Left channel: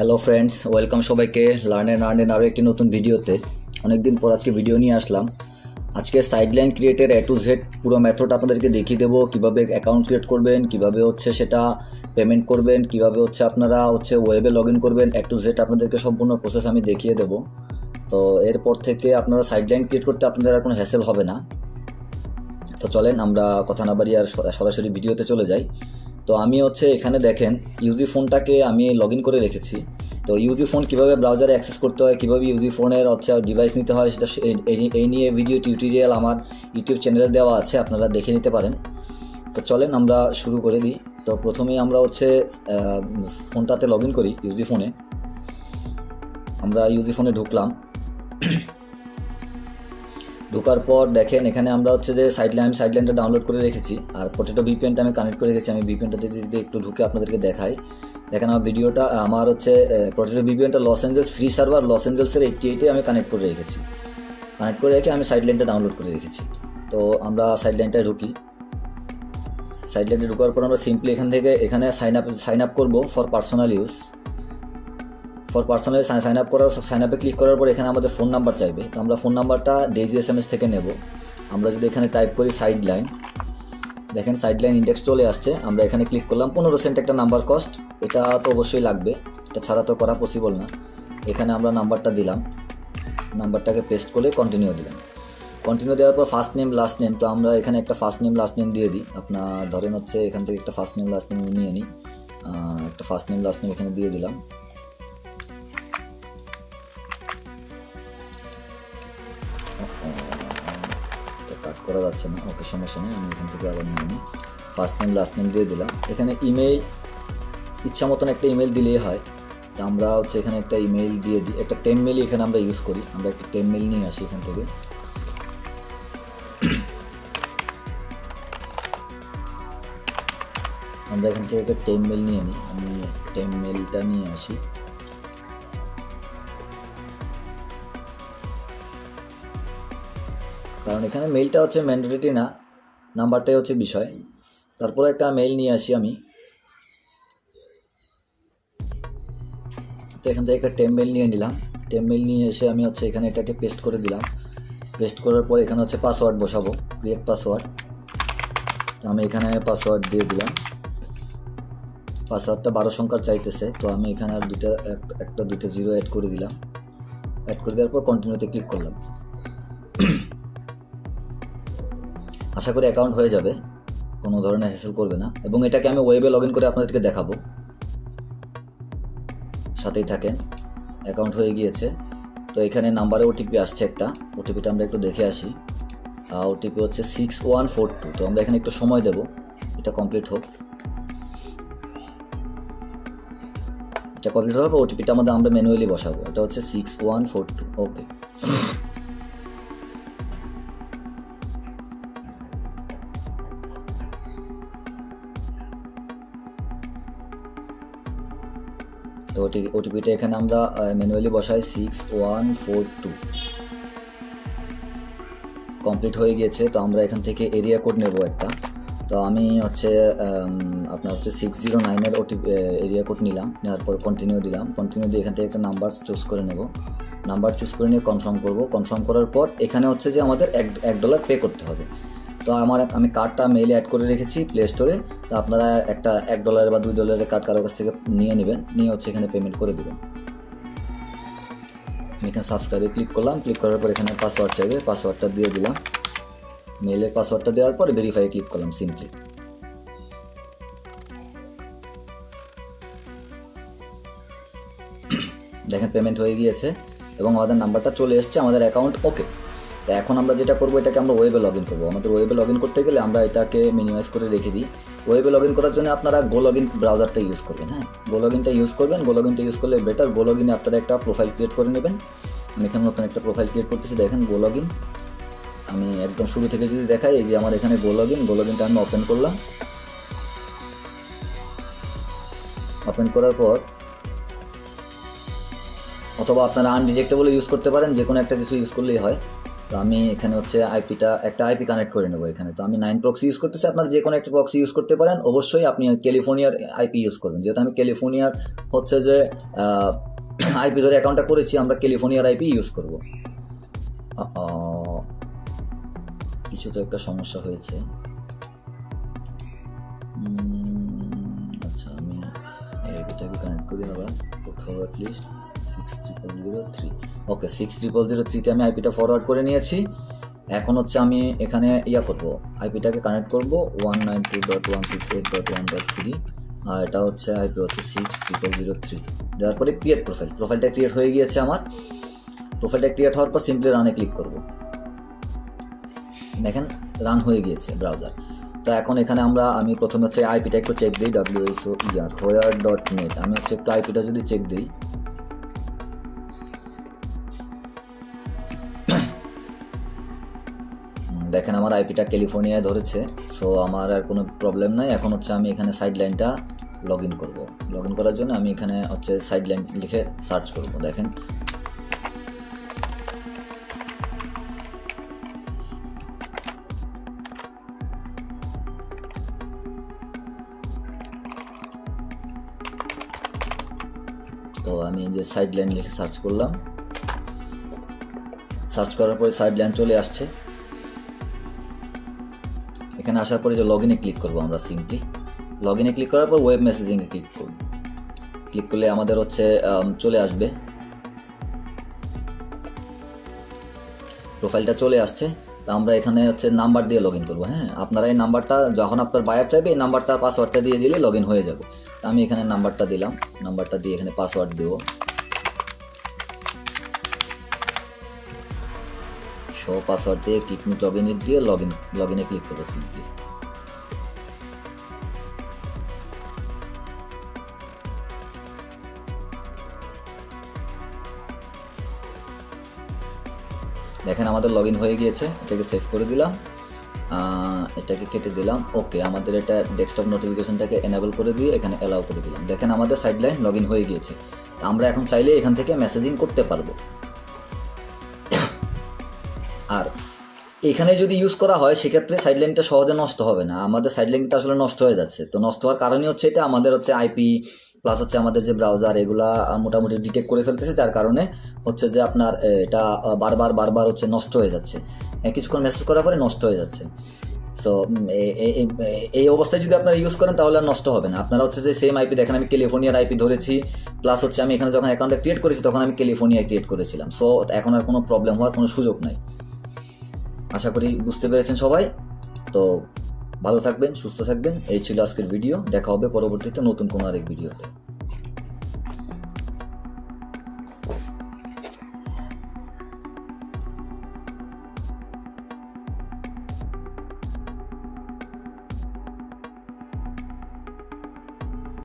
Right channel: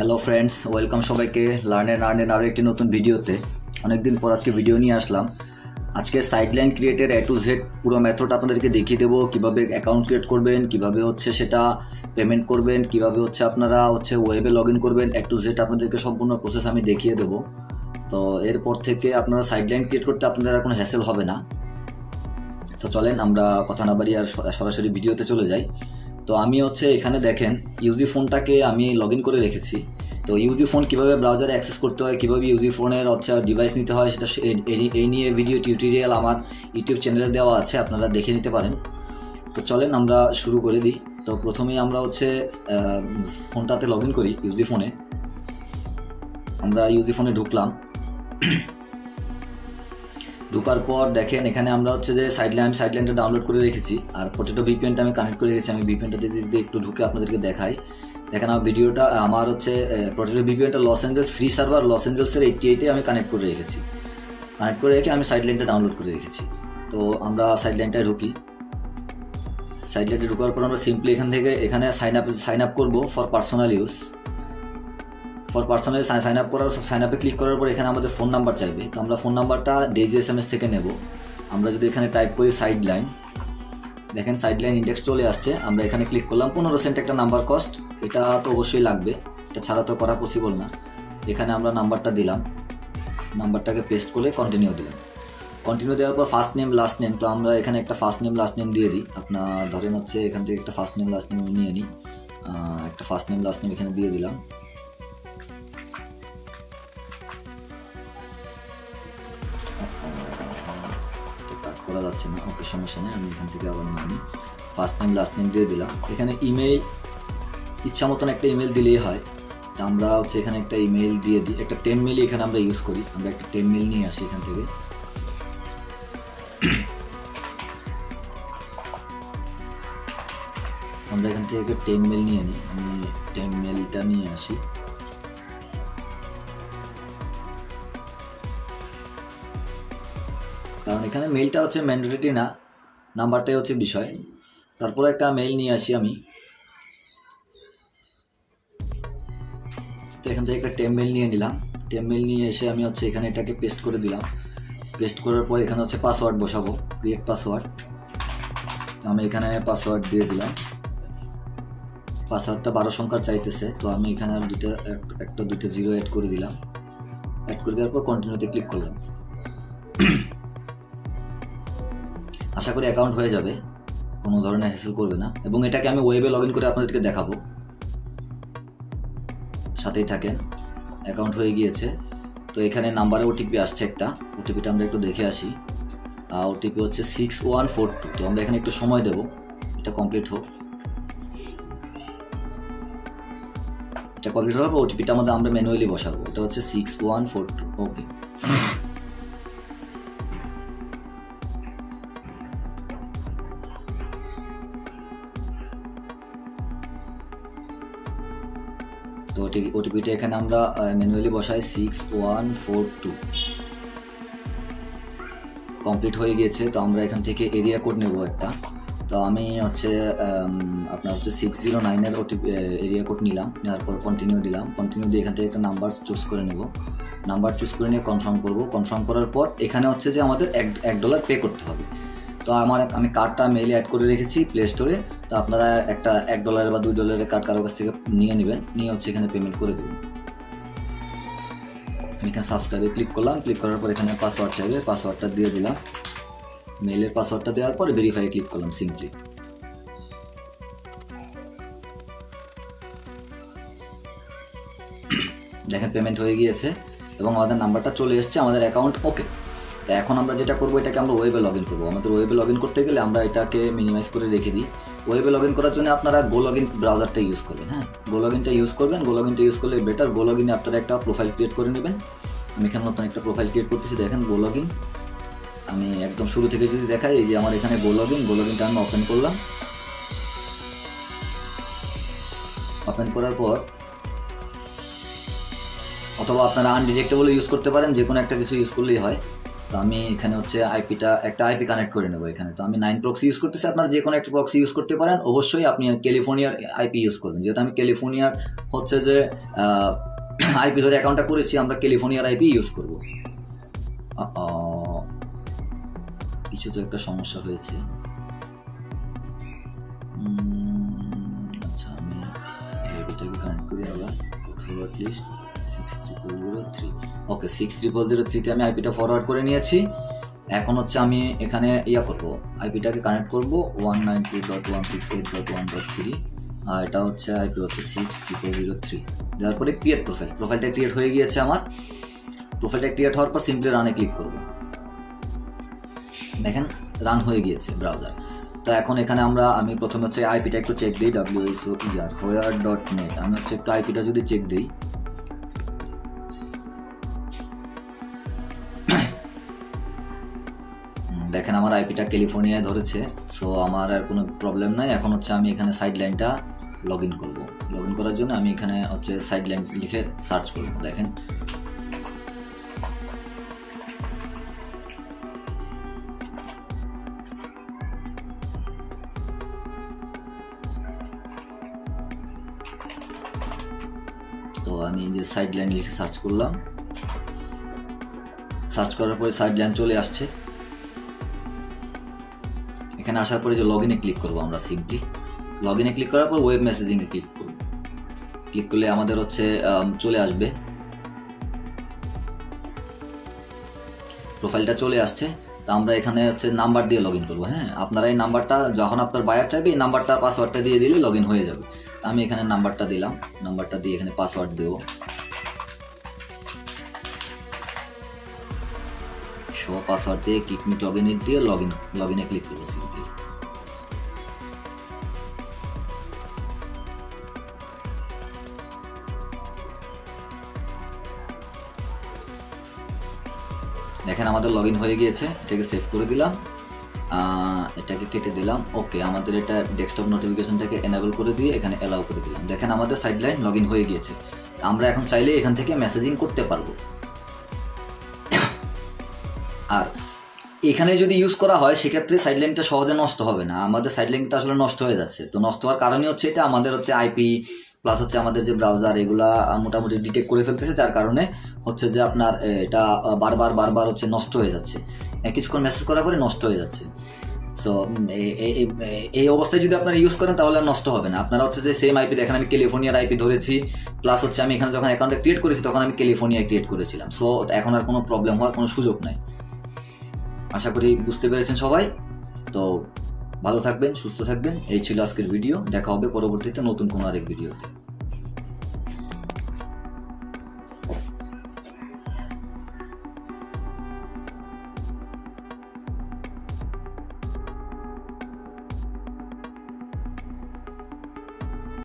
Hello friends, welcome সবাইকে learn and earn আরও একটি নতুন ভিডিওতে। অনেকদিন পর আজকে ভিডিও নিয়ে আসলাম। আজকে সাইডলাইন ক্রিয়েটের A to Z পুরো মেথড আপনাদেরকে দেখিয়ে দেবো, কিভাবে অ্যাকাউন্ট ক্রিয়েট করবেন, কিভাবে সেটা পেমেন্ট করবেন, কিভাবে আপনারা ওয়েবে লগ ইন করবেন। A to Z আপনাদেরকে সম্পূর্ণ প্রসেস আমি দেখিয়ে দেবো। তো এরপর থেকে আপনারা সাইডলাইন ক্রিয়েট করতে আপনাদের আর কোনো হ্যাসেল হবে না। তো চলেন আমরা কথা না বাড়িয়ে আর সরাসরি ভিডিওতে চলে যাই। তো আমি এখানে দেখেন ইউজি ফোনটাকে আমি লগ ইন করে রেখেছি। তো ইউজি ফোন কীভাবে ব্রাউজারে অ্যাক্সেস করতে হয়, কীভাবে ইউজি ফোনের ডিভাইস নিতে হয়, সেটা এই নিয়ে ভিডিও টিউটোরিয়াল আমার ইউটিউব চ্যানেলে দেওয়া আছে, আপনারা দেখে নিতে পারেন। তো চলেন আমরা শুরু করে দিই। তো প্রথমেই আমরা ফোনটাতে লগ ইন করি। ইউজি ফোনে আমরা ইউজি ফোনে ঢুকলাম। ঢোকার পর দেখেন এখানে আমরা যে সাইডলাইনটা ডাউনলোড করে রেখেছি, আর পটেটো ভিপিএনটা আমি কানেক্ট করে রেখেছি। আমি ভিপিএনটাতে যদি একটু ঢুকে আপনাদেরকে দেখাই, দেখেন আমার ভিডিওটা আমার পটেটো ভিপিএনটা Los Angeles free server Los অ্যাঞ্জেলসের 88-এ আমি কানেক্ট করে রেখেছি। কানেক্ট করে রেখে আমি সাইডলাইনটা ডাউনলোড করে রেখেছি। তো আমরা সাইডলাইনটায় ঢুকি। সাইডলাইনে ঢোকার পর আমরা সিম্পলি এখানে সাইন আপ করবো ফর পার্সোনাল ইউজ। সাইন আপে ক্লিক করার পর এখানে আমাদের ফোন নাম্বার চাইবে। তো আমরা ফোন নাম্বারটা ডেজি SMS থেকে নেব। আমরা যদি এখানে টাইপ করি সাইডলাইন, দেখেন সাইডলাইন ইন্ডেক্স চলে আসছে। আমরা এখানে ক্লিক করলাম। 15 সেন্ট একটা নাম্বার কস্ট, এটা তো অবশ্যই লাগবে, এটা ছাড়া তো করা পসিবল না। এখানে আমরা নাম্বারটা দিলাম, নাম্বারটাকে পেস্ট করে কন্টিনিউ দিলাম। কন্টিনিউ দেওয়ার পর ফার্স্ট নেম লাস্ট নেম, তো আমরা এখানে একটা ফার্স্ট নেম লাস্ট নেম দিয়ে দিই। আপনার ধরেন এখান থেকে একটা ফার্স্ট নেম লাস্ট নেম নিয়ে নিই। একটা ফার্স্ট নেম লাস্ট নেম এখানে দিয়ে দিলাম। করা যাচ্ছে না, ওকে সমস্যা নেই, আমি এখান থেকে আবার নিয়ে নিই। ফার্স্ট নেম লাস্ট নেম দিয়ে দিলাম। এখানে ইমেইল ইচ্ছা মতন একটা ইমেল দিলেই হয়। তো আমরা এখানে একটা ইমেইল দিয়ে দিই। একটা টেমমেইল এখানে আমরা ইউজ করি। আমরা একটা টেমমেইল নিয়ে আসি এখান থেকে। আমরা এখান থেকে একটা টেমমেইল নিয়ে নিই। আমি টেমমেইলটা নিয়ে আসি। কারণ এখানে মেইলটা ম্যান্ডেটরি না, নাম্বারটাই বিষয়। তারপরে একটা মেইল নিয়ে আসি আমি। তো এখান থেকে একটা টেমমেইল নিয়ে নিলাম। টেমমেইল নিয়ে এসে আমি এখানে এটাকে পেস্ট করে দিলাম। পেস্ট করার পর এখানে পাসওয়ার্ড বসাবো, ক্রিয়েট পাসওয়ার্ড। তো আমি এখানে পাসওয়ার্ড দিয়ে দিলাম। পাসওয়ার্ডটা 12 সংখ্যার চাইতেছে, তো আমি এখানে আর দুইটা জিরো অ্যাড করে দিলাম। অ্যাড করে দেওয়ার পর কন্টিনিউতে ক্লিক করলাম। আশা করি অ্যাকাউন্ট হয়ে যাবে, কোনো ধরনের হ্যাসেল করবে না। এবং এটাকে আমি ওয়েবে লগ ইন করে আপনাদেরকে দেখাবো, সাথেই থাকেন। অ্যাকাউন্ট হয়ে গিয়েছে। তো এখানে নাম্বারে ওটিপি আসছে একটা, ওটিপিটা আমরা একটু দেখে আসি। ওটিপি 6142। তো আমরা এখানে একটু সময় দেব, এটা কমপ্লিট হোক। এটা কমপ্লিট হওয়ার পর ওটিপিটা আমরা ম্যানুয়ালি বসাবো। এটা 6142। ওকে। তো ওটিপিটা এখানে আমরা ম্যানুয়ালি বসাই 6142। কমপ্লিট হয়ে গিয়েছে। তো আমরা এখান থেকে এরিয়া কোড নেব একটা। তো আমি আপনার 609-এর ওটিপি এরিয়া কোড নিলাম। নেওয়ার পর কন্টিনিউ দিলাম। কন্টিনিউ দিয়ে এখান থেকে একটা নাম্বার চুজ করে নেব। নাম্বার চুজ করে নিয়ে কনফার্ম করব। কনফার্ম করার পর এখানে যে আমাদের $1 পে করতে হবে। তো আমি কার্ডটা মেইলে অ্যাড করে রেখেছি প্লে স্টোরে। তো আপনারা একটা $1 বা $2 কার্ড কারোর কাছ থেকে নিয়ে নেবেন, নিয়ে এখানে পেমেন্ট করে দেবেন। আমি এখানে সাবস্ক্রাইবে ক্লিক করলাম। ক্লিক করার পর এখানে পাসওয়ার্ড চাইবে, পাসওয়ার্ডটা দিয়ে দিলাম। মেইলের পাসওয়ার্ডটা দেওয়ার পর ভেরিফাই ক্লিক করলাম সিম্পলি। দেখেন পেমেন্ট হয়ে গিয়েছে এবং আমাদের নাম্বারটা চলে এসছে, আমাদের অ্যাকাউন্ট ওকে। তো এখন আমরা যেটা করবো, এটাকে আমরা ওয়েবে লগ ইন করবো। আমাদের ওয়েবে লগ ইন করতে গেলে আমরা এটাকে মিনিমাইজ করে রেখে দিই। ওয়েবে লগ ইন করার জন্য আপনারা গো লগ ইন ব্রাউজারটা ইউজ করবেন। হ্যাঁ, গো লগ ইনটা ইউজ করবেন। গো লগ ইনটা ইউজ করলে বেটার। গো লগ ইনে আপনারা একটা প্রোফাইল ক্রিয়েট করে নেবেন। আমি এখানে নতুন একটা প্রোফাইল ক্রিয়েট করতেছি। দেখেন গো লগ ইন। আমি একদম শুরু থেকে যদি দেখাই, এই যে আমার এখানে গো লগ ইনটা আমি ওপেন করলাম। ওপেন করার পর অথবা আপনারা আনডিটেক্টেবল ইউজ করতে পারেন, যে কোনো একটা কিছু ইউজ করলেই হয়। তো আমি এখানে হচ্ছে একটা আইপি কানেক্ট করে নেবো এখানে। তো আমি 9 প্রক্সি ইউজ করতেছি, আপনারা যে কোনো একটা প্রক্সি ইউজ করতে পারেন, অবশ্যই আপনি ক্যালিফোর্নিয়ার আইপি ইউজ করবেন। যেহেতু আমি ক্যালিফোর্নিয়ার হচ্ছে যে আইপি ধরে অ্যাকাউন্টটা করেছি, আমরা ক্যালিফোর্নিয়ার আইপি ইউজ করব। কিছু তো একটা সমস্যা হয়েছে। আচ্ছা, আমি এটাকে কানেক্ট করি আবার। Forward list 6003। ওকে, 6003-তে আমি আইপিটা ফরওয়ার্ড করে নিয়েছি। এখন হচ্ছে আমি এখানে করব, আইপিটাকে কানেক্ট করব 192.168.1.3, আর এটা হচ্ছে আইপি হচ্ছে 6003। দেওয়ার পরে ক্রিয়েট প্রোফাইলটা ক্রিয়েট হয়ে গিয়েছে আমার। প্রোফাইলটা ক্রিয়েট হওয়ার পর সিম্পলি রানে ক্লিক করব। দেখেন রান হয়ে গিয়েছে ব্রাউজার। তো এখন এখানে আমি প্রথমে হচ্ছে আইপিটা একটু চেক দিই, wsoer.net। আমি হচ্ছে একটু আইপিটা যদি চেক দিই, দেখেন আমার আইপিটা ক্যালিফোর্নিয়ায় ধরেছে। সো আমার আর কোনো প্রবলেম নাই। এখন হচ্ছে আমি এখানে সাইড লাইনটা লগ ইন করবো। লগ ইন করার জন্য আমি এখানে হচ্ছে সাইড লাইন লিখে সার্চ করবো। দেখেন তো আমি যে সাইড লাইন লিখে সার্চ করলাম, সার্চ করার পরে সাইড লাইন চলে আসছে। এখানে আসার পরে যে লগ ইনে ক্লিক করবো আমরা, সিম্পলি লগ ইনে ক্লিক করার পর ওয়েব মেসেজিংয়ে ক্লিক করব। ক্লিক করলে আমাদের হচ্ছে চলে আসবে, প্রোফাইলটা চলে আসছে। তো আমরা এখানে হচ্ছে নাম্বার দিয়ে লগ ইন করবো। হ্যাঁ, আপনারা এই নাম্বারটা যখন আপনার বায়ার চাইবে এই নাম্বারটা পাসওয়ার্ডটা দিয়ে দিলে লগ ইন হয়ে যাবে। আমি এখানে নাম্বারটা দিলাম, নাম্বারটা দিয়ে এখানে পাসওয়ার্ড দেবো। পাসওয়ার্ড দিয়ে কিক মি লগ ইন দিয়ে লগ ইনে ক্লিক করবো সিম্পলি। দেখেন আমাদের লগ ইন হয়ে গিয়েছে। এটাকে সেভ করে দিলাম, এটাকে কেটে দিলাম। ওকে, আমাদের এটা ডেস্কটপ নোটিফিকেশনটাকে এনেবল করে দিয়ে এখানে অ্যালাউ করে দিলাম। দেখেন আমাদের সাইড লাইন লগ ইন হয়ে গিয়েছে। আমরা এখন চাইলে এখান থেকে মেসেজিং করতে পারবো। আর এখানে যদি ইউজ করা হয় সেক্ষেত্রে সাইড লাইনটা সহজে নষ্ট হবে না। আমাদের সাইড লাইনটা আসলে নষ্ট হয়ে যাচ্ছে। তো নষ্ট হওয়ার কারণই হচ্ছে এটা আমাদের হচ্ছে আইপি প্লাস হচ্ছে আমাদের যে ব্রাউজার এগুলা মোটামুটি ডিটেক্ট করে ফেলতেছে, যার কারণে হচ্ছে যে আপনার এটা বারবার হচ্ছে নষ্ট হয়ে যাচ্ছে। কিছুক্ষণ মেসেজ করার পরে নষ্ট হয়ে যাচ্ছে। সো এই অবস্থায় যদি আপনারা ইউজ করেন তাহলে আর নষ্ট হবে না। আপনারা হচ্ছে যে সেম আইপি, দেখেন আমি ক্যালিফোর্নিয়ার আইপি ধরেছি, প্লাস হচ্ছে আমি এখানে যখন অ্যাকাউন্টটা ক্রিয়েট করেছি তখন আমি ক্যালিফোর্নিয়ায় ক্রিয়েট করেছিলাম। সো এখন আর কোনো প্রবলেম হওয়ার কোনো সুযোগ নাই। আশা করি বুঝতে পেরেছেন সবাই। তো ভালো থাকবেন, সুস্থ থাকবেন। এই ছিল আজকের ভিডিও। দেখা হবে পরবর্তীতে নতুন কোনো আরেক ভিডিওতে।